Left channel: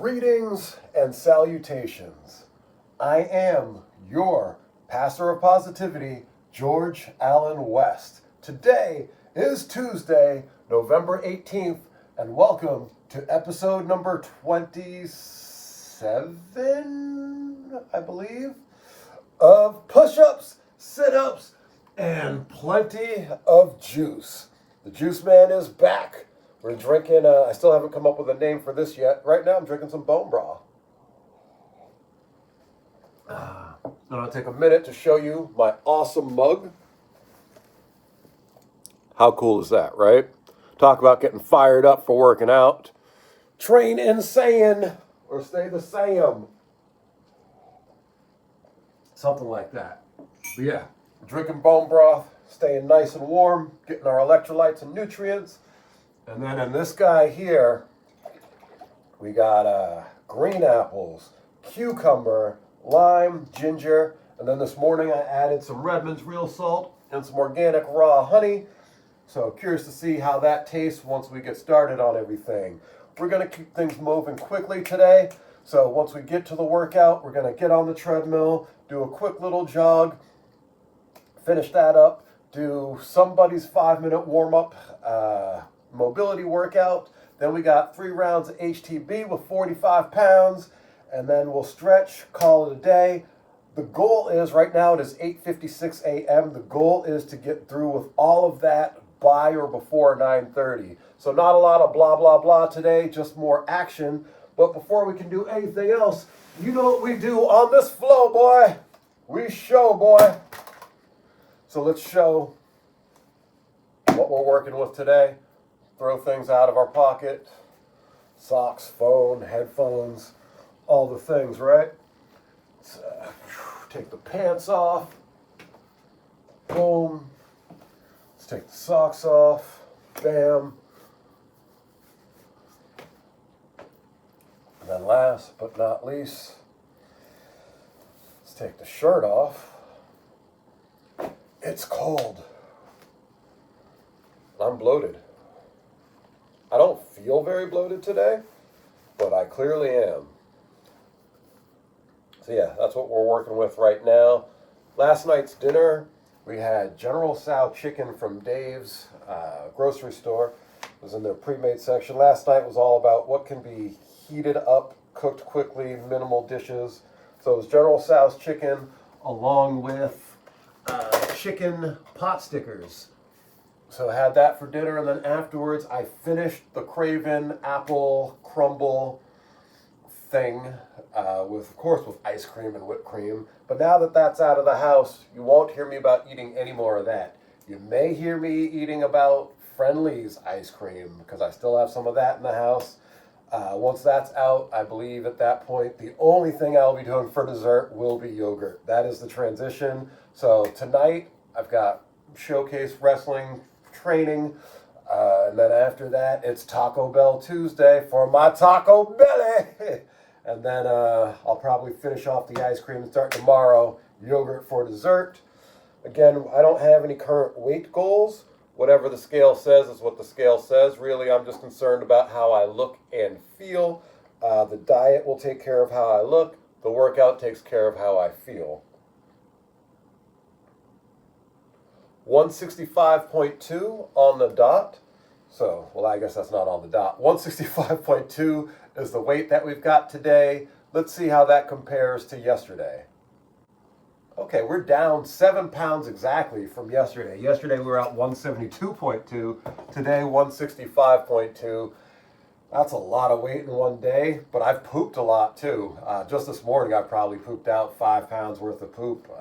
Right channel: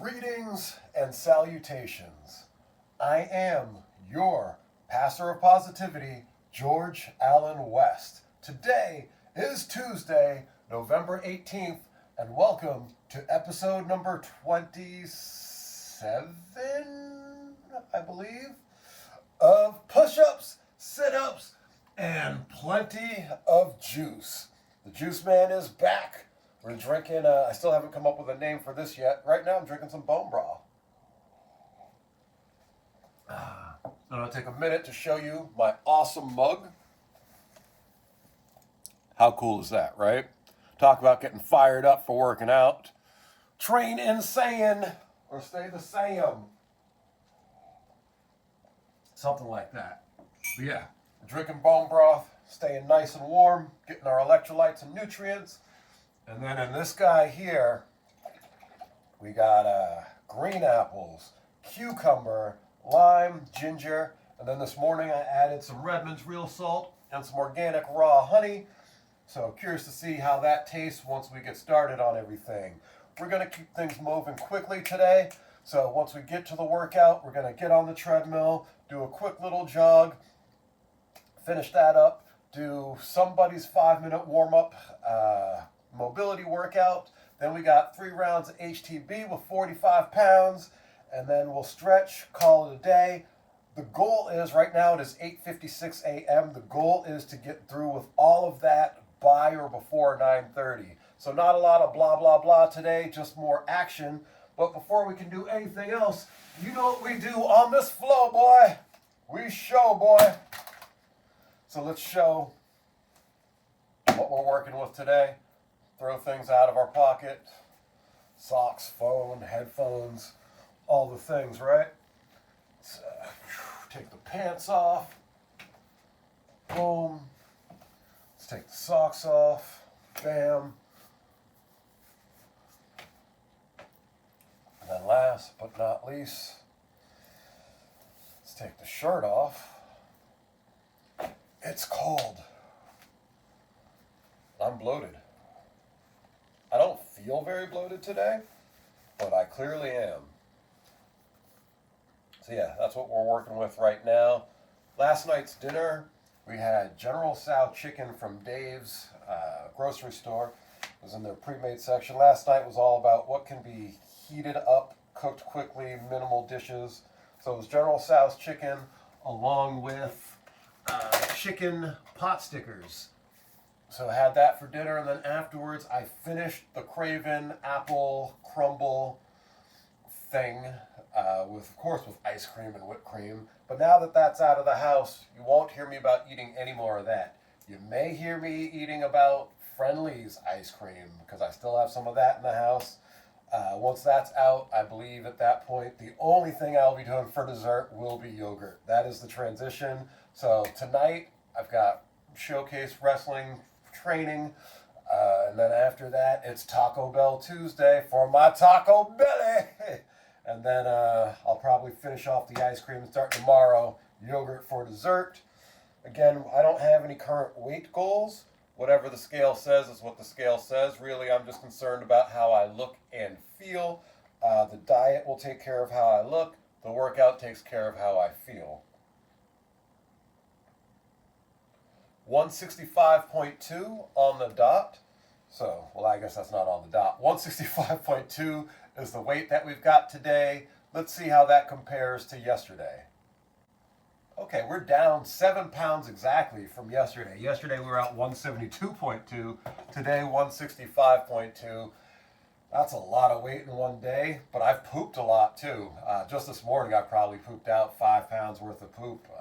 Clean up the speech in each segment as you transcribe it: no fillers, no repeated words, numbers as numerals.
Greetings and salutations. I am your pastor of positivity, George Allen West. Today is Tuesday, November 18th, and welcome to episode number 27, I believe, of Pushups, Situps, and plenty of juice. The juice man is back. We're drinking, I still haven't come up with a name for this yet. Right now I'm drinking some bone broth. And I'll take a minute to show you my awesome mug. How cool is that, right? Talk about getting fired up for working out. Train insane or stay the same. Something like that. But yeah, drinking bone broth, staying nice and warm, getting our electrolytes and nutrients. And then in this guy here, we got green apples, cucumber, lime, ginger, and then this morning I added some Redmond's real salt and some organic raw honey. So curious to see how that tastes once we get started on everything. We're going to keep things moving quickly today. So once we get to the workout, we're going to get on the treadmill, do a quick little jog, finish that up, do somebody's 5-minute warm-up mobility workout. Then we got 3 rounds of HTB with 45 pounds, and then we'll stretch, call it a day. The goal is, right now it is 8:56 a.m. The goal is to get through with all of that by or before 9:30. So not a lot of blah, blah, blah today, just more action. But before we can do anything else, you know what we do on this flow, boy. We show, boy. So let's show what we're working with today. Throw things out of our pocket. Socks, phone, headphones, all the things, right? Let's, take the pants off. Boom. Let's take the socks off. Bam. And then last but not least, let's take the shirt off. It's cold. I'm bloated. I don't feel very bloated today, but I clearly am. So yeah, that's what we're working with right now. Last night's dinner, we had General Tso chicken from Dave's grocery store. It was in their pre-made section. Last night was all about what can be heated up, cooked quickly, minimal dishes. So it was General Tso's chicken along with chicken pot stickers. So I had that for dinner, and then afterwards I finished the Craven apple crumble thing with ice cream and whipped cream. But now that that's out of the house, you won't hear me about eating any more of that. You may hear me eating about Friendly's ice cream because I still have some of that in the house. Once that's out, I believe at that point the only thing I'll be doing for dessert will be yogurt. That is the transition. So tonight I've got Showcase Wrestling training, and then after that it's Taco Bell Tuesday for my taco belly. And then I'll probably finish off the ice cream and start tomorrow, yogurt for dessert. Again, I don't have any current weight goals. Whatever the scale says is what the scale says. Really, I'm just concerned about how I look and feel. The diet will take care of how I look. The workout takes care of how I feel. 165.2 on the dot. So, well, I guess that's not on the dot. 165.2 is the weight that we've got today. Let's see how that compares to yesterday. Okay, we're down 7 pounds exactly from yesterday. Yesterday we were at 172.2. Today 165.2. That's a lot of weight in one day, but I've pooped a lot too. Just this morning I probably pooped out 5 pounds worth of poop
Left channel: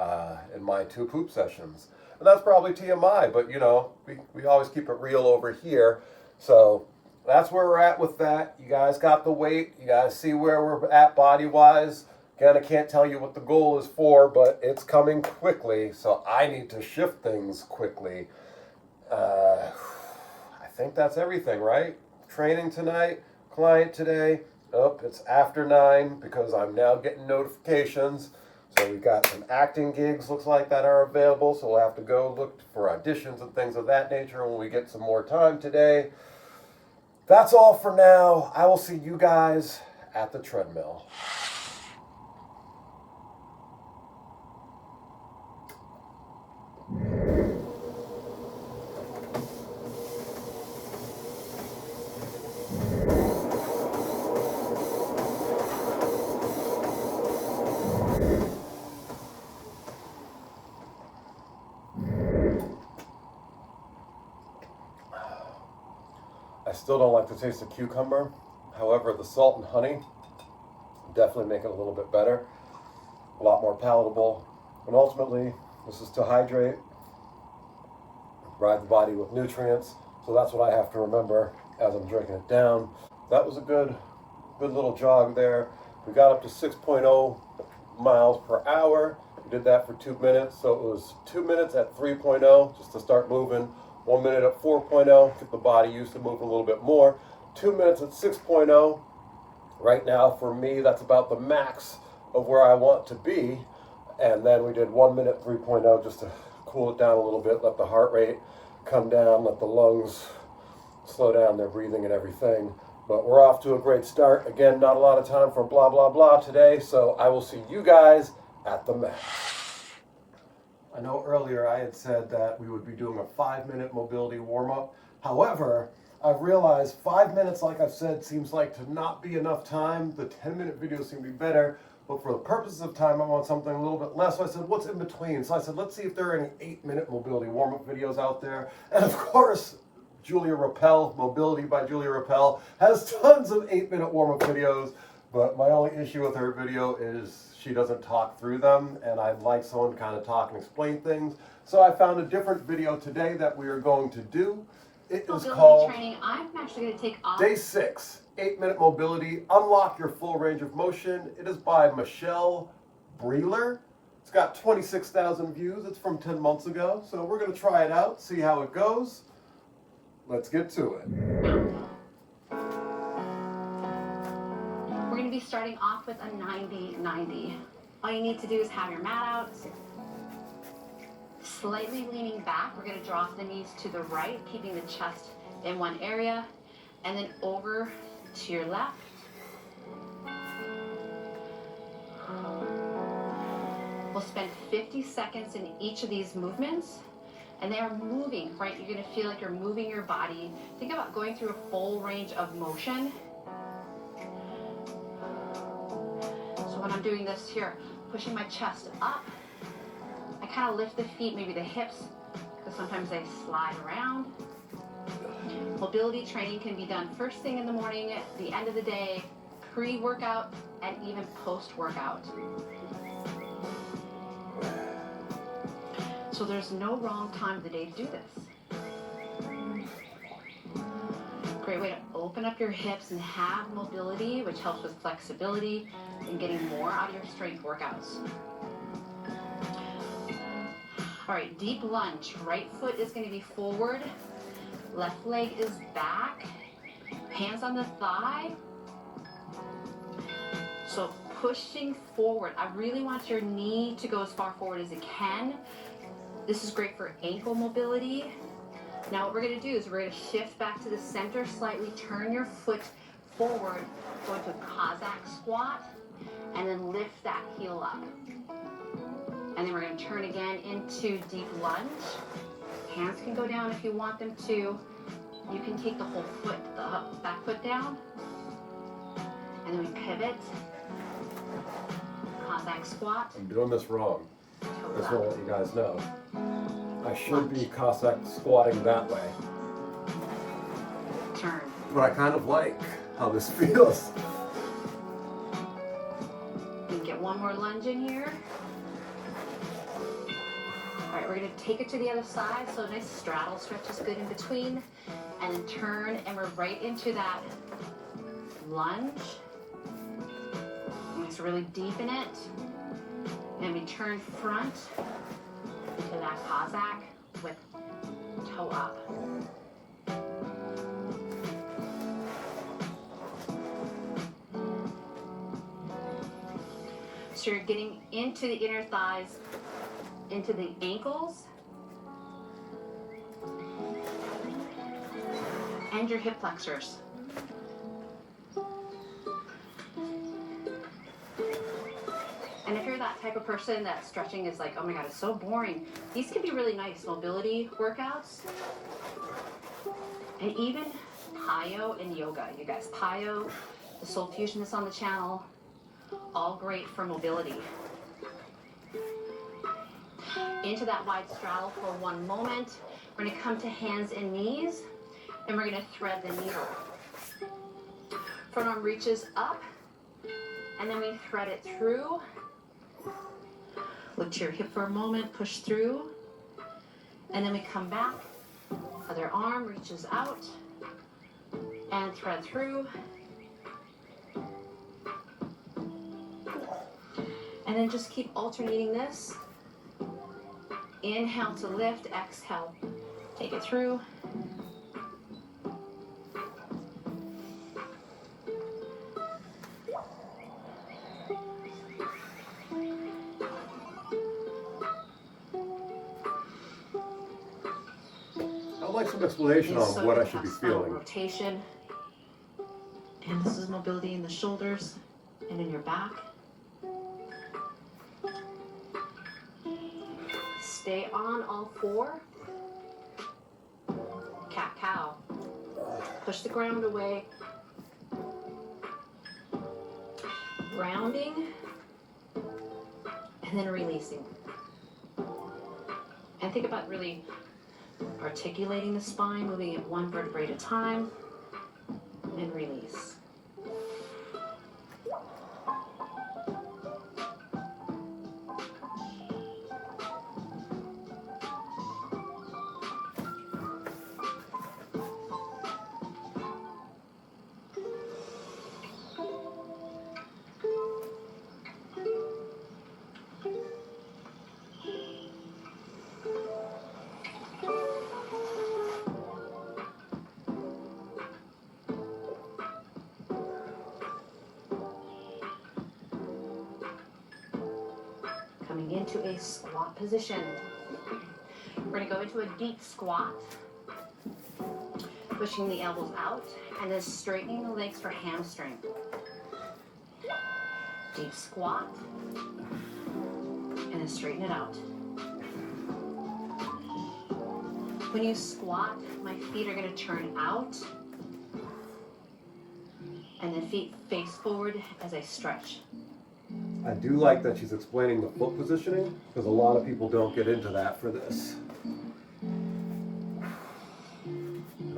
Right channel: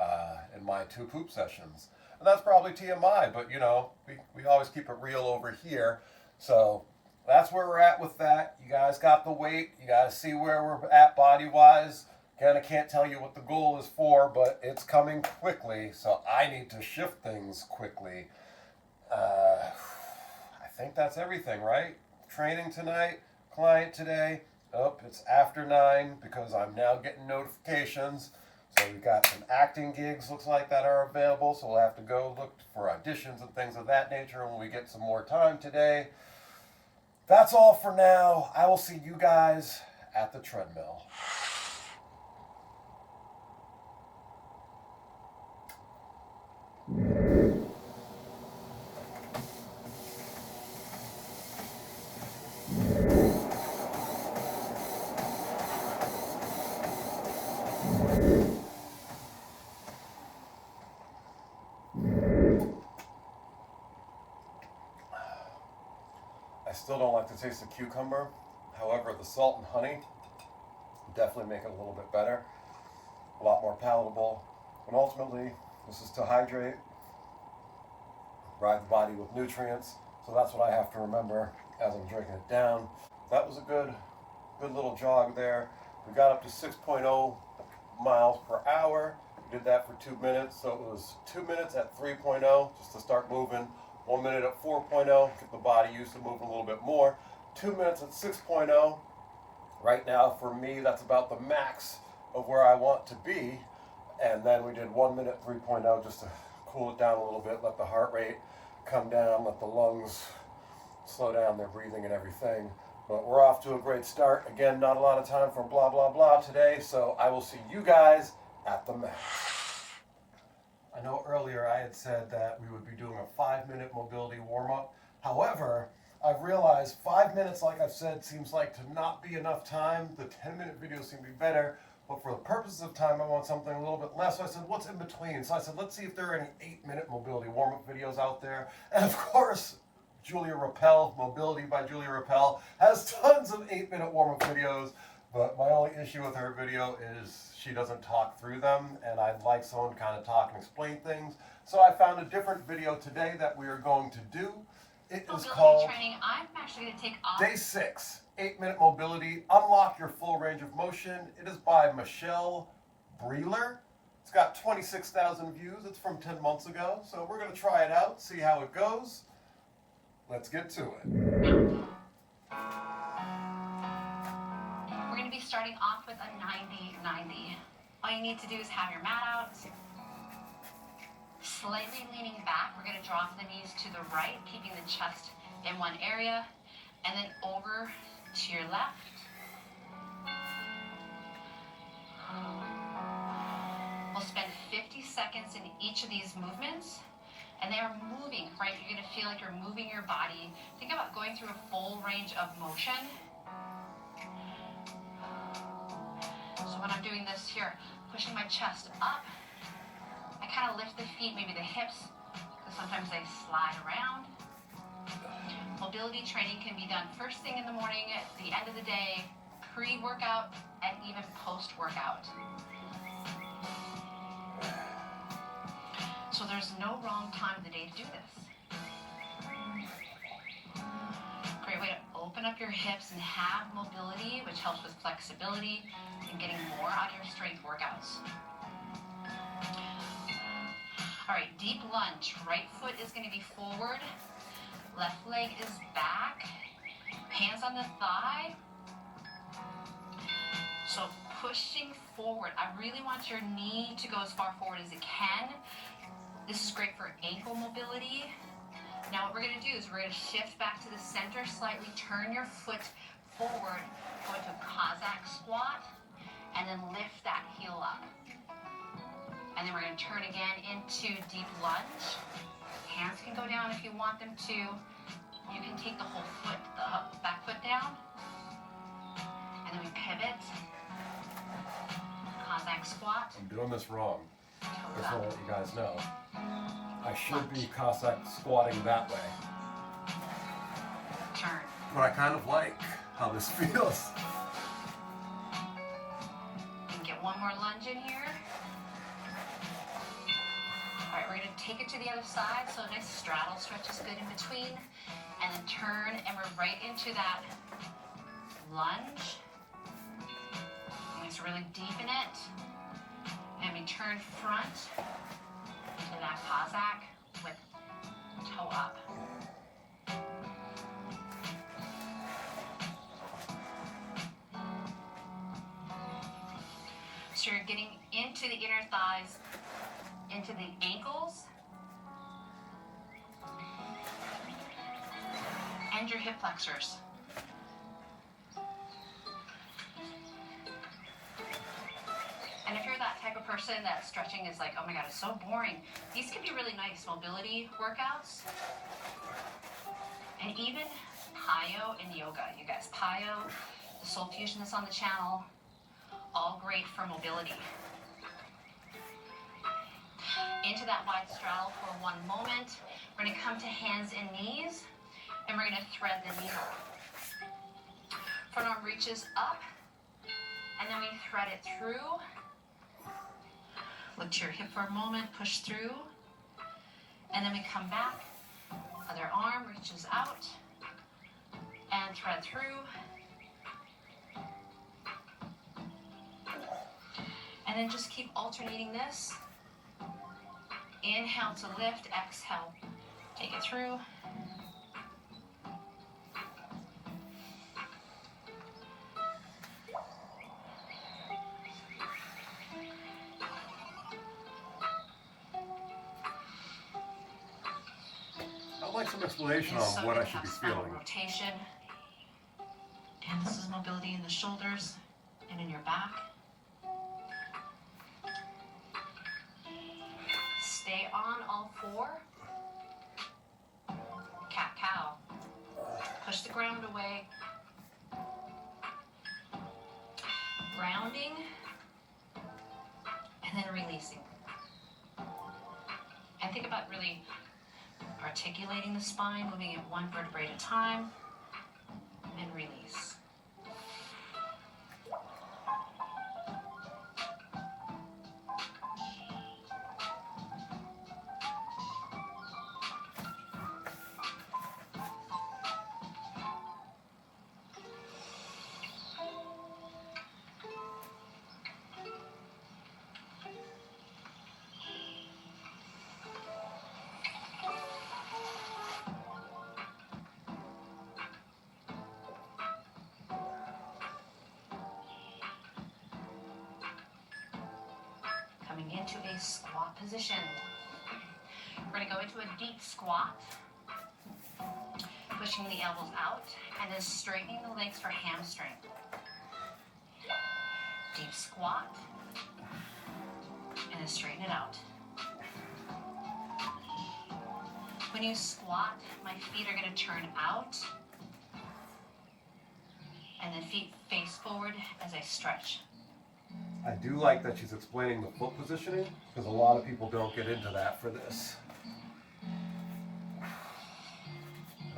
in my 2 poop sessions. And that's probably TMI, but you know, we always keep it real over here. So that's where we're at with that. You guys got the weight. You guys see where we're at body-wise. Again, I can't tell you what the goal is for, but it's coming quickly, so I need to shift things quickly. I think that's everything, right? Training tonight, client today. Oh, it's after 9 because I'm now getting notifications. So we've got some acting gigs, looks like, that are available. So we'll have to go look for auditions and things of that nature when we get some more time today. That's all for now. I will see you guys at the treadmill. I still don't like the taste of cucumber. However, the salt and honey definitely make it a little bit better, a lot more palatable. And ultimately, this is to hydrate, provide the body with nutrients. So that's what I have to remember as I'm drinking it down. That was a good little jog there. We got up to 6.0 miles per hour. We did that for 2 minutes. So it was 2 minutes at 3.0 just to start moving. 1 minute at 4.0, get the body used to moving a little bit more. 2 minutes at 6.0. Right now, for me, that's about the max of where I want to be. And then we did 1 minute 3.0 just to cool it down a little bit, let the heart rate come down, let the lungs slow down their breathing and everything. But we're off to a great start. Again, not a lot of time for blah, blah, blah today. So I will see you guys at the max. I know earlier I had said that we would be doing a 5-minute mobility warm-up. However, I've realized 5 minutes, like I've said, seems like to not be enough time. The 10-minute videos seem to be better, but for the purposes of time, I want something a little bit less. So I said, what's in between? So I said, let's see if there are any 8-minute mobility warm-up videos out there. And of course, Julia Rappel, Mobility by Julia Rappel, has tons of 8-minute warm-up videos. But my only issue with her video is she doesn't talk through them, and I'd like someone to kind of talk and explain things. So I found a different video today that we are going to do. It is called training. I'm actually going to take off. Day 6, 8-minute mobility, unlock your full range of motion. It is by Michelle Breeler. It's got 26,000 views. It's from 10 months ago. So we're going to try it out, see how it goes. Let's get to it. We're going to be starting off with a 90-90. All you need to do is have your mat out, slightly leaning back. We're going to draw the knees to the right, keeping the chest in one area, and then over to your left. We'll spend 50 seconds in each of these movements, and they are moving, right? You're going to feel like you're moving your body. Think about going through a full range of motion. So when I'm doing this here, pushing my chest up, I kind of lift the feet, maybe the hips, because sometimes they slide around. Mobility training can be done first thing in the morning, at the end of the day, pre-workout, and even post-workout. So there's no wrong time of the day to do this. Great way to open up your hips and have mobility, which helps with flexibility and getting more out of your strength workouts. All right, deep lunge. Right foot is going to be forward. Left leg is back. Hands on the thigh. So pushing forward. I really want your knee to go as far forward as it can. This is great for ankle mobility. Now what we're going to do is we're going to shift back to the center slightly, turn your foot forward, go into a Cossack squat, and then lift that heel up. And then we're going to turn again into deep lunge. Hands can go down if you want them to. You can take the whole foot, the back foot down. And then we pivot. Cossack squat. I'm doing this wrong. Just want to let you guys know. I should be Cossack squatting that way. Turn. But I kind of like how this feels. You can get one more lunge in here. All right, we're going to take it to the other side. So a nice straddle stretch is good in between. And then turn, and we're right into that lunge. You need to really deepen it. And we turn front to that Cossack with toe up. So you're getting into the inner thighs, into the ankles, and your hip flexors. And if you're that type of person that stretching is like, oh my God, it's so boring, these can be really nice mobility workouts. And even Pyo and yoga, you guys. Pyo, the soul fusion that's on the channel, all great for mobility. Into that wide straddle for one moment. We're gonna come to hands and knees, and we're gonna thread the needle. Front arm reaches up, and then we thread it through. Look to your hip for a moment, push through, and then we come back. Other arm reaches out, and thread through. And then just keep alternating this. Inhale to lift, exhale, take it through. I'd like some explanation on So what you I should have be spinal feeling. rotation. And this is mobility in the shoulders and in your back. Stay on all four. Cat cow. Push the ground away. Grounding. And then releasing. And think about really articulating the spine, moving it one vertebrae at a time, and release. Coming into a squat position. We're gonna go into a deep squat, pushing the elbows out, and then straightening the legs for hamstring. Deep squat, and then straighten it out. When you squat, my feet are gonna turn out, and then feet face forward as I stretch. I do like that she's explaining the foot positioning, because a lot of people don't get into that for this.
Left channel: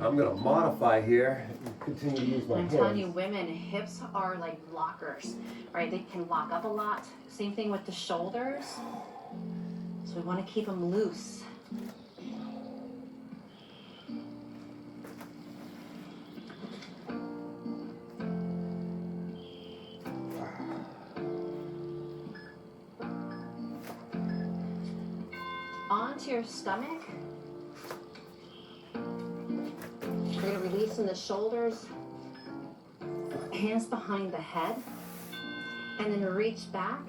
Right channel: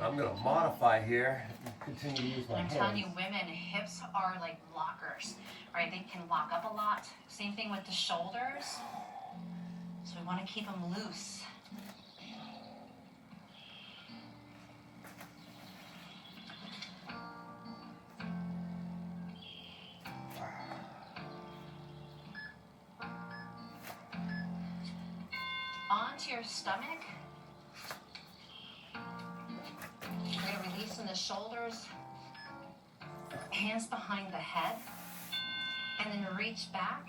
I'm going to modify here and continue to use my I'm hands. telling you, women, hips are like blockers, right? They can lock up a lot. Same thing with the shoulders. So we want to keep them loose. Onto your stomach. We're going to release in the shoulders, hands behind the head, and then reach back,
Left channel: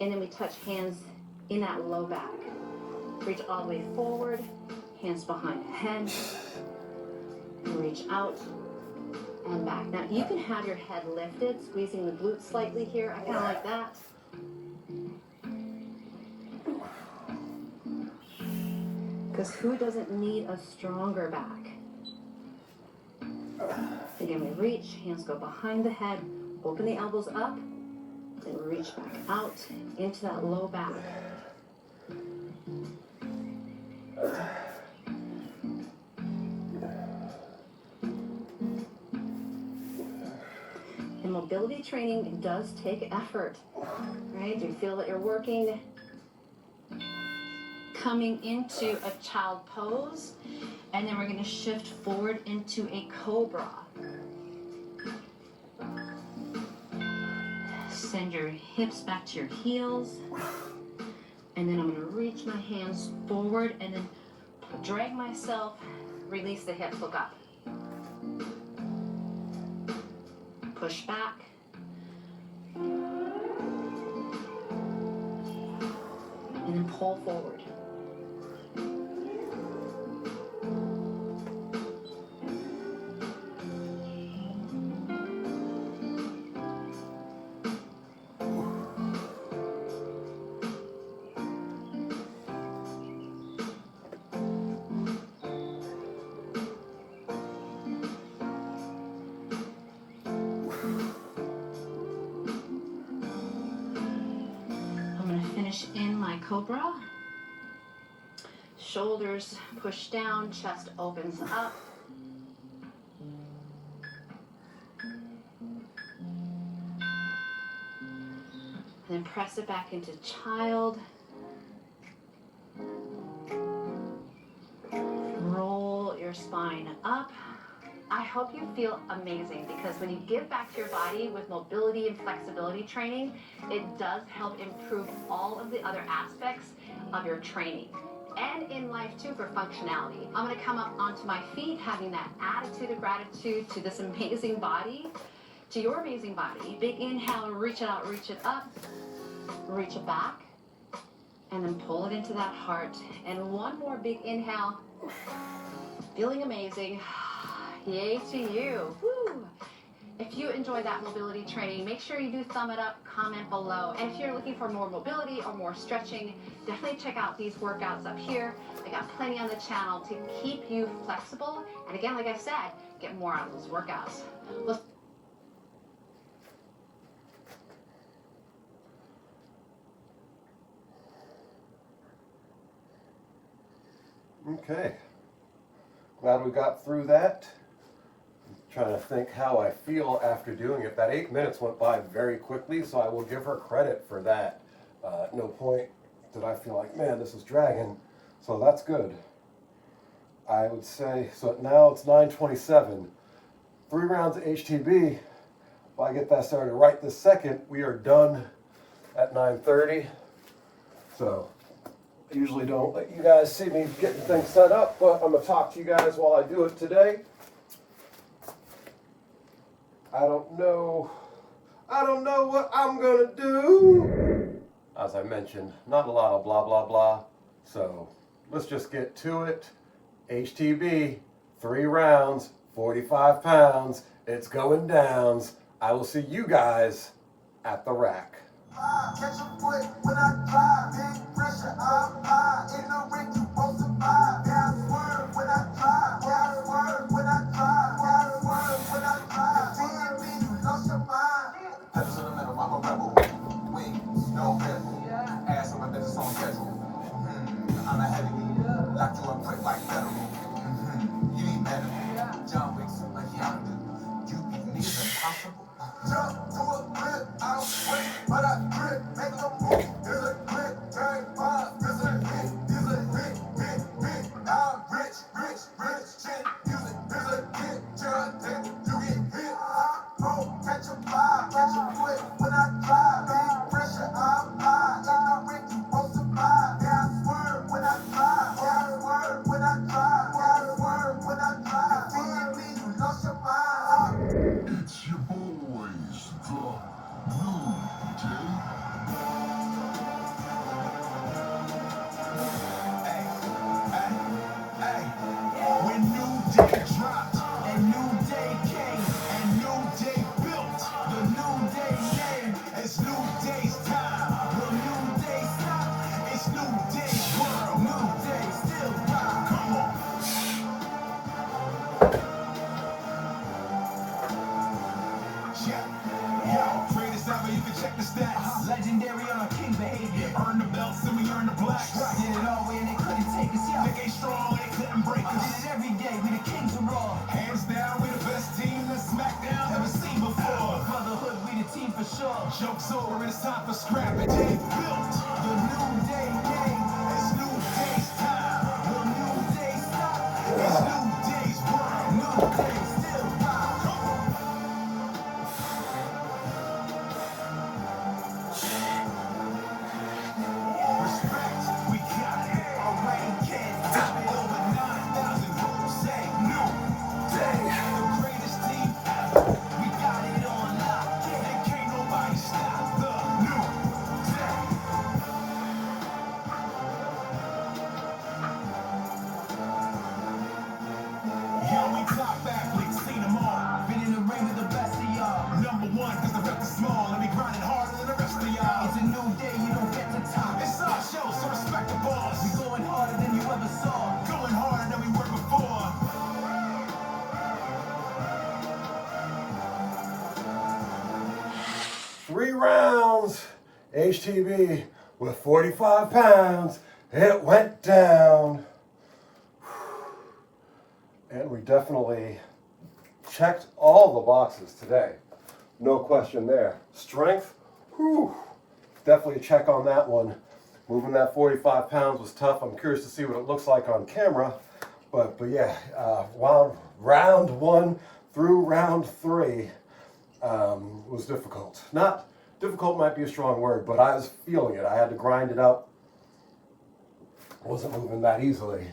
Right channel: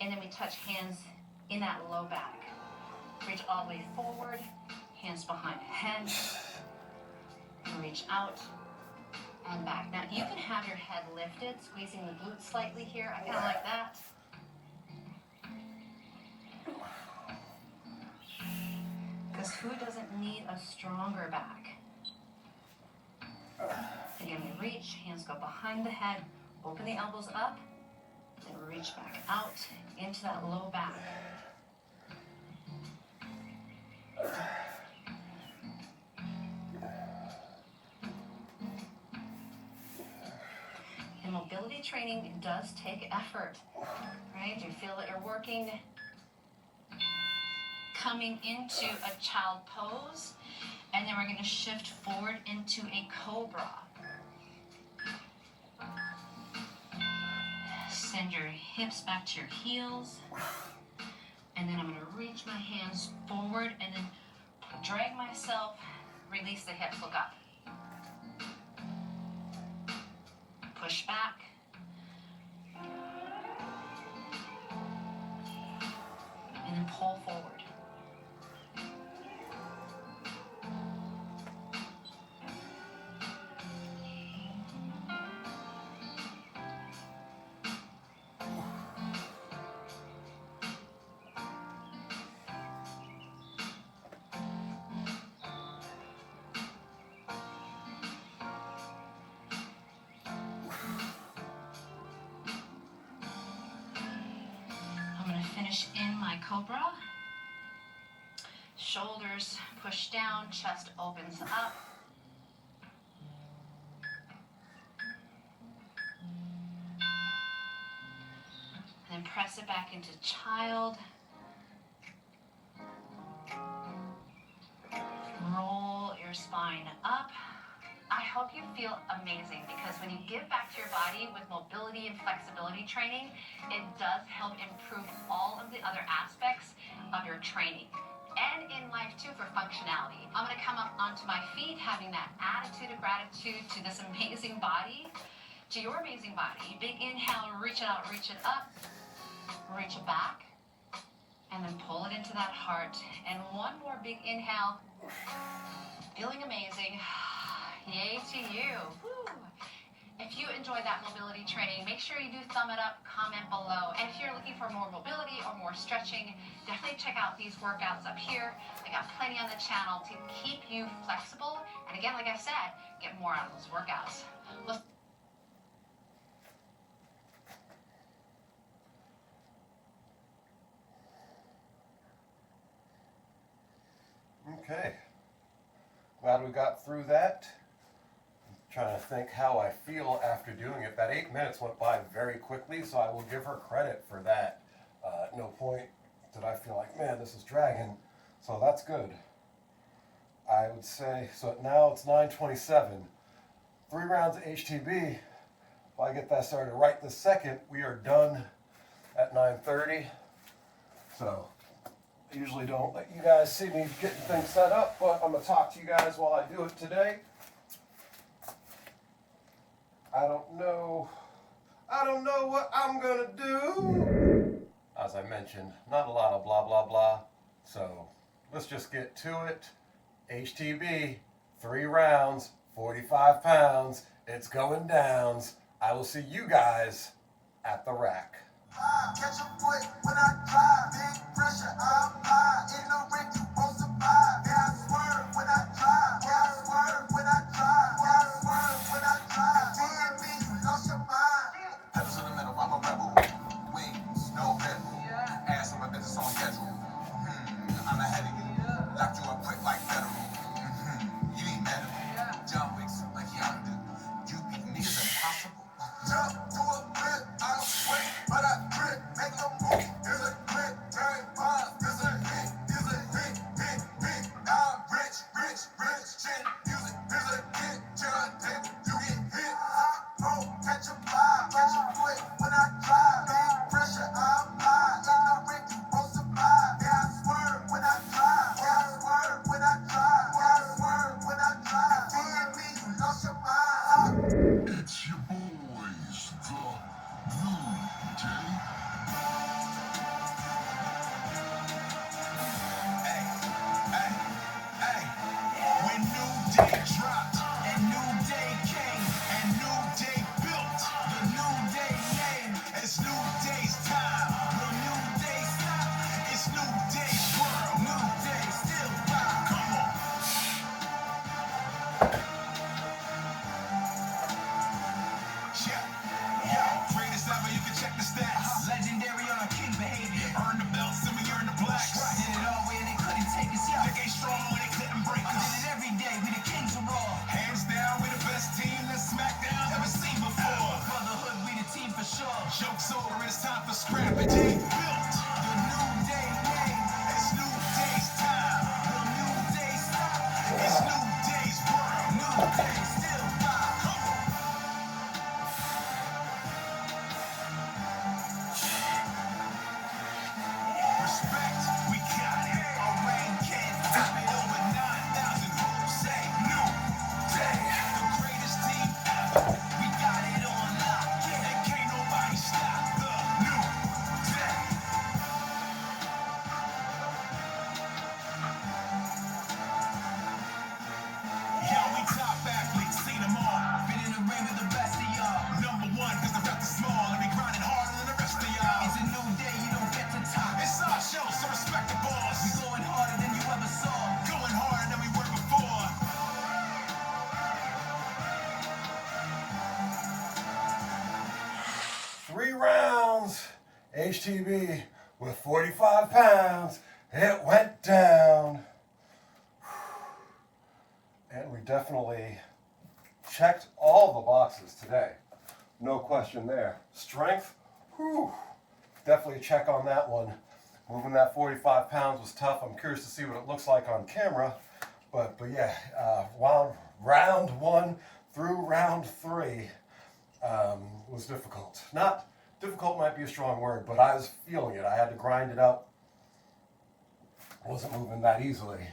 and then we touch hands in that low back. Reach all the way forward, hands behind head, and reach out and back. Now you can have your head lifted, squeezing the glutes slightly here. I kind of like that. Because who doesn't need a stronger back? Again, we reach, hands go behind the head, open the elbows up, then reach back out into that low back. And mobility training does take effort, right? Do you feel that you're working? Coming into a child pose, and then we're going to shift forward into a cobra. Send your hips back to your heels, and then I'm going to reach my hands forward and then drag myself, release the hips, look up. Push back. And then pull forward. finish in my cobra. Shoulders push down, chest opens up. And then press it back into child. Roll your spine up. I hope you feel amazing, because when you give back to your body with mobility and flexibility training, it does help improve all of the other aspects of your training. And in life too, for functionality. I'm gonna come up onto my feet, having that attitude of gratitude to this amazing body, to your amazing body. Big inhale, reach it out, reach it up, reach it back, and then pull it into that heart. And one more big inhale, feeling amazing. Yay to you. Woo. If you enjoyed that mobility training, make sure you do thumb it up, comment below. And if you're looking for more mobility or more stretching, definitely check out these workouts up here. I got plenty on the channel to keep you flexible. And again, like I said, get more out of those workouts. Well, Okay, glad we got through that. I'm trying to think how I feel after doing it. That 8 minutes went by very quickly, so I will give her credit for that. At no point did I feel like, man, this is dragging, so that's good. I would say, so now it's 9:27. 3 rounds of HTB. If I get that started right this second, we are done at 9:30. So I usually don't let you guys see me getting things set up, but I'm going to talk to you guys while I do it today. I don't know what I'm going to do. As I mentioned, not a lot of blah, blah, blah. So let's just get to it. HTB, 3 rounds, 45 pounds. It's going downs. I will see you guys at the rack. Catch a foot when I drive, big pressure, I'm high. In the ring, you won't survive. Yeah, I swerve when I drive. Yeah, I swerve when I drive. Yeah, I swerve when I drive. DMV, you lost your mind. Pedal to the metal, I'm a rebel. Wings, no pedal. Ass on my business on schedule. I'm ahead of you. Lock you up quick like federal. You ain't medical. John Wick, like Yondu. You beat me is impossible. Jump to a grip, I don't sweat, but I grip, make a move. Here's a grip, very fast. Here's a hit, hit. I'm rich, shit, music. Here's a hit, John Dick, you get hit. Roll, catch a vibe, catch a foot when I drive. Big pressure, I'm high. In the ring, you won't survive. Yeah, I swerve when I drive. Yeah, I swerve when I drive. Yeah, I swerve when I drive. DMV, you lost your mind. It's your boys, the Blue Jay. Hey. When New Day dropped, and New Day came, and New Day built, the New Day name, it's New Day's time. Will New Day stop? It's New Day's world. New Day still rock. Come on. Yo, greatest ever, you can check the stats. Legendary on a king behavior. Earn the belts and we earn the blacks. Did it all way and they couldn't take us. Yo, they ain't strong and they couldn't break us. Did it every day, we the kings of raw. Hands down, we the best team that SmackDown ever seen before. Brotherhood, we the team for sure. Joke's over, it's time for strategy. Built the New Day name. It's New Day's time. Will New Day stop? It's New Day's world. New Day still rock. Come on. Respect, we got it. A rain can't stop it. Over 9,000 rules say New Day. The greatest team ever. We got it on lock. And can't nobody stop the New Day. Yo, we top athletes, seen them all. Been in the ring with the best of y'all. Number 1, cause the rest is small. And we grinding harder than the rest of y'all. It's a new day, you don't get to top. It's our show, so respect the boss. We going harder than you ever saw. Going harder than we were before. 3 rounds, HTB, with 45 pounds, it went down. And we definitely checked all the boxes today. No question there. Strength, whew, definitely a check on that one. Moving that 45 pounds was tough. I'm curious to see what it looks like on camera. But yeah, round 1 through round 3 was difficult. Not difficult might be a strong word, but I was feeling it. I had to grind it out. Wasn't moving that easily.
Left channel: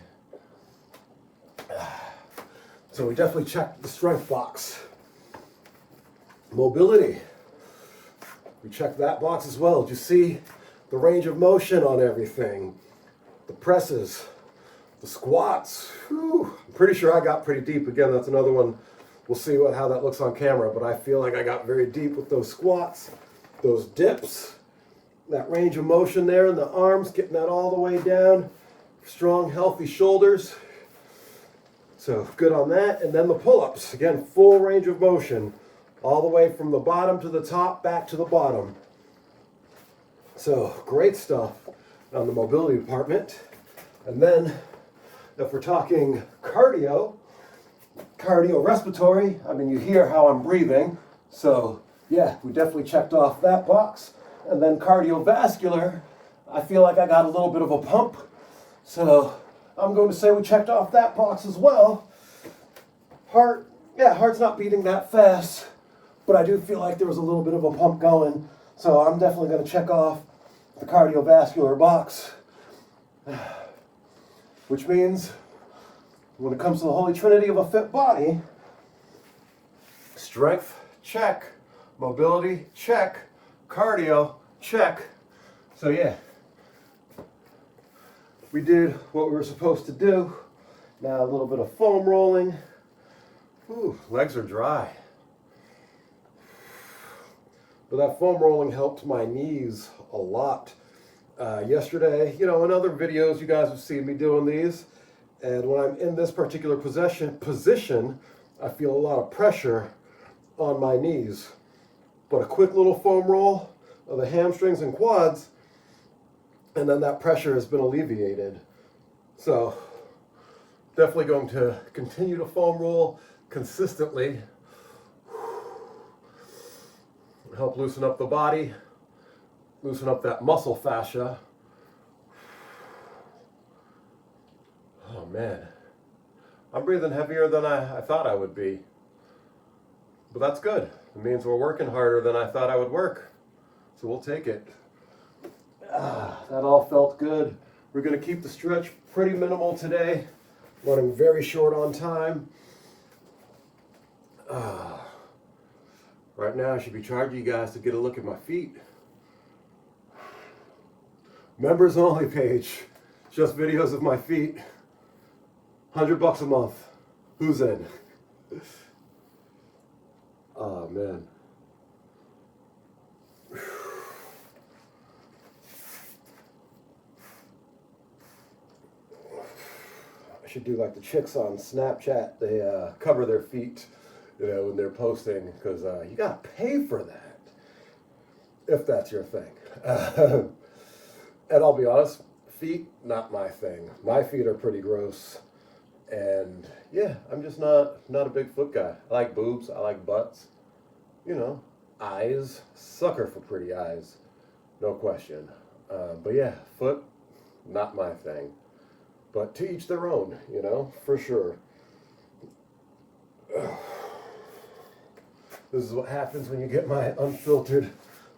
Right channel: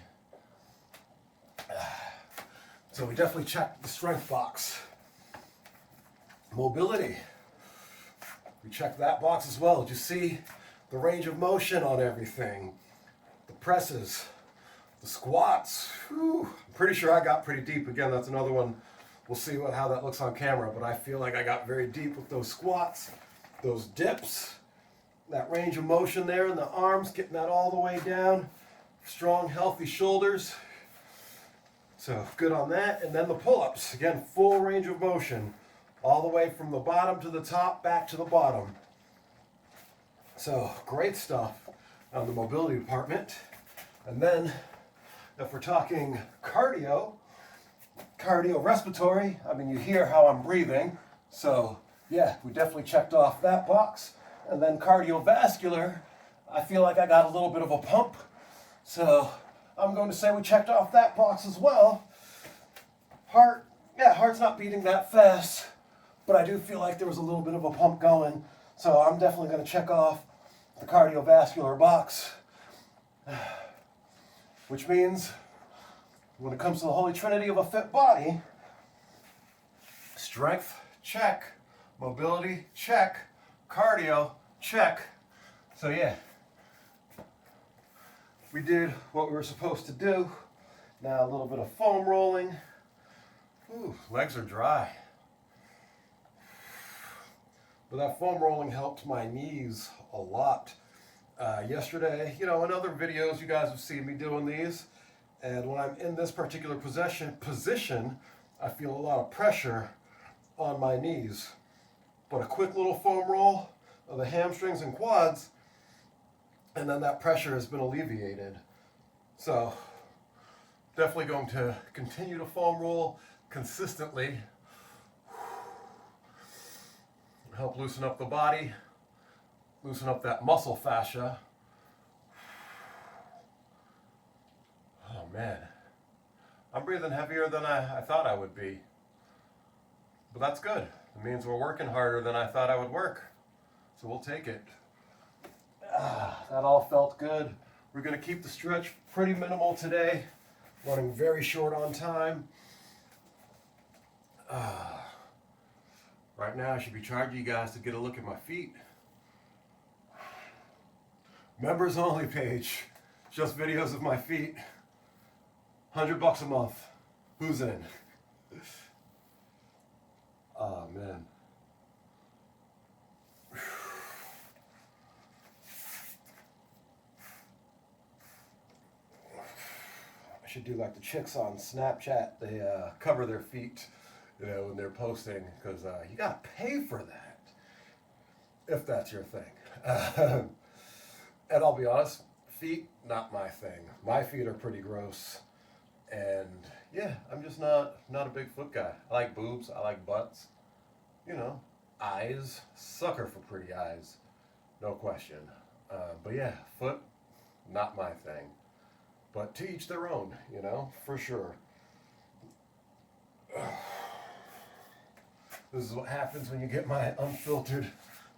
So we definitely checked the strength box. Mobility. We checked that box as well. Did you see the range of motion on everything? The presses, the squats. Whew. I'm pretty sure I got pretty deep. Again, that's another one. We'll see how that looks on camera, but I feel like I got very deep with those squats, those dips, that range of motion there in the arms, getting that all the way down. Strong, healthy shoulders. So good on that. And then the pull-ups. Again, full range of motion. All the way from the bottom to the top, back to the bottom. So great stuff on the mobility department. And then if we're talking cardio respiratory, I mean, you hear how I'm breathing. So yeah, we definitely checked off that box. And then cardiovascular, I feel like I got a little bit of a pump. So I'm going to say we checked off that box as well. Heart's not beating that fast, but I do feel like there was a little bit of a pump going. So I'm definitely going to check off the cardiovascular box. Which means when it comes to the holy trinity of a fit body, strength, check. Mobility, check. Cardio, check. So yeah, we did what we were supposed to do. Now a little bit of foam rolling. Ooh, legs are dry. But that foam rolling helped my knees a lot. Yesterday, in other videos, you guys have seen me doing these. And when I'm in this particular position, I feel a lot of pressure on my knees. But a quick little foam roll of the hamstrings and quads, and then that pressure has been alleviated. So definitely going to continue to foam roll consistently. Help loosen up the body, loosen up that muscle fascia. Oh man, I'm breathing heavier than I thought I would be. But that's good. It means we're working harder than I thought I would work. So we'll take it. That all felt good. We're going to keep the stretch pretty minimal today. Running very short on time. Right now I should be charging you guys to get a look at my feet. Members only page. Just videos of my feet. $100 a month. Who's in? Oh man. I should do like the chicks on Snapchat. They cover their feet, when they're posting, because you gotta pay for that, if that's your thing. And I'll be honest, feet, not my thing. My feet are pretty gross. And yeah, I'm just not a big foot guy. I like boobs, I like butts. Eyes, sucker for pretty eyes, no question. But yeah, foot, not my thing. But to each their own, for sure. This is what happens when you get my unfiltered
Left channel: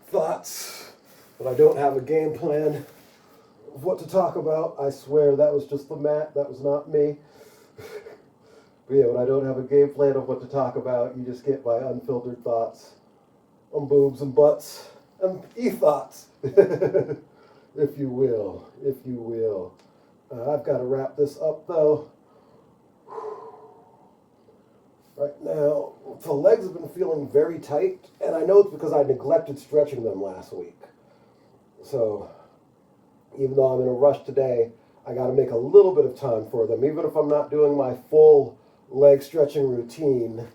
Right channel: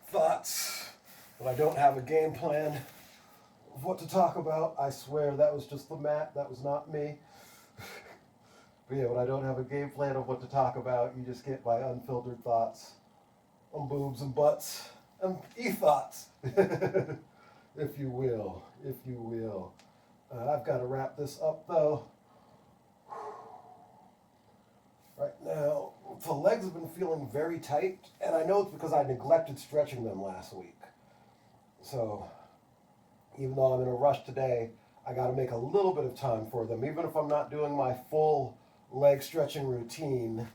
thoughts. When I don't have a game plan of what to talk about. I swear that was just the mat, that was not me. But yeah, when I don't have a game plan of what to talk about, you just get my unfiltered thoughts on boobs and butts and e-thoughts, if you will. I've got to wrap this up though. Right now, the legs have been feeling very tight, and I know it's because I neglected stretching them last week. So, even though I'm in a rush today, I got to make a little bit of time for them. Even if I'm not doing my full leg stretching routine,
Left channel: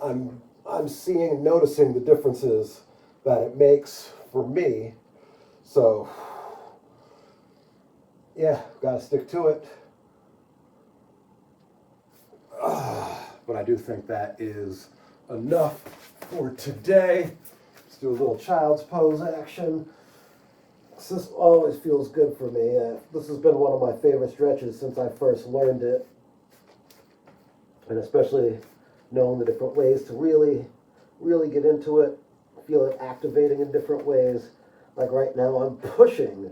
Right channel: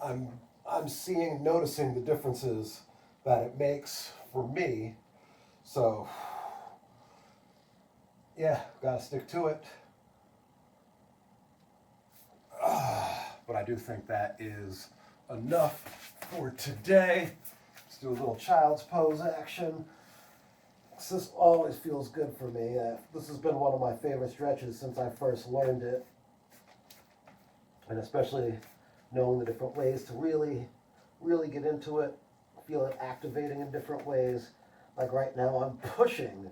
I'm noticing the differences that it makes for me. So, yeah, gotta stick to it. But I do think that is enough for today. Let's do a little child's pose action. This always feels good for me. This has been one of my favorite stretches since I first learned it. And especially knowing the different ways to really get into it, feel it activating in different ways. Like right now, I'm pushing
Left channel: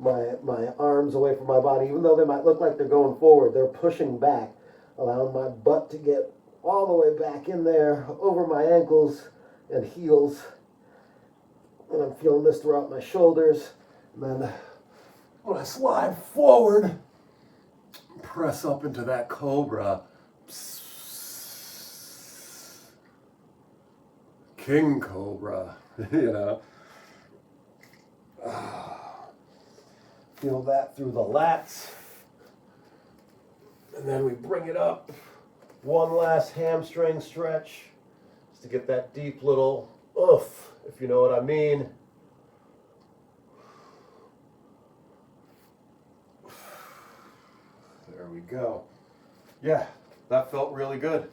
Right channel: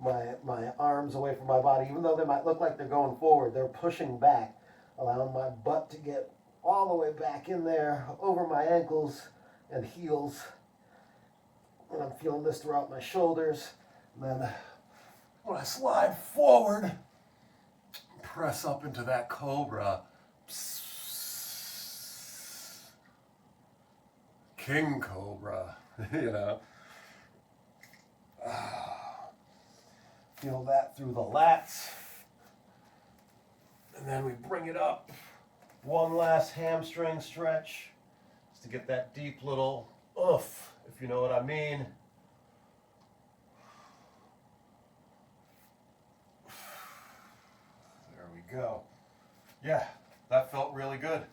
my arms away from my body. Even though they might look like they're going forward, they're pushing back, allowing my butt to get all the way back in there, over my ankles and heels. And I'm feeling this throughout my shoulders. And then when I slide forward, press up into that cobra. King Cobra, you know. Feel that through the lats. And then we bring it up. One last hamstring stretch. Just to get that deep little oof, if you know what I mean. There we go. Yeah, that felt really good.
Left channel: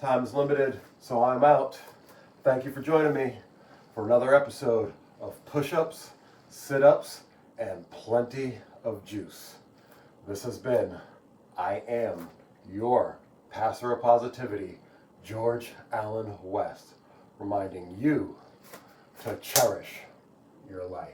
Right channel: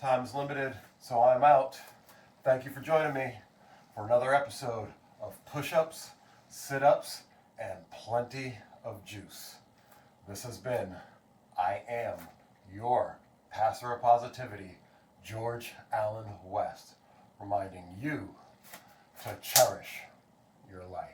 Time's limited, so I'm out. Thank you for joining me for another episode of Push-Ups, Sit-Ups, and Plenty of Juice. This has been I Am Your Passer of Positivity, George Allen West, reminding you to cherish your life.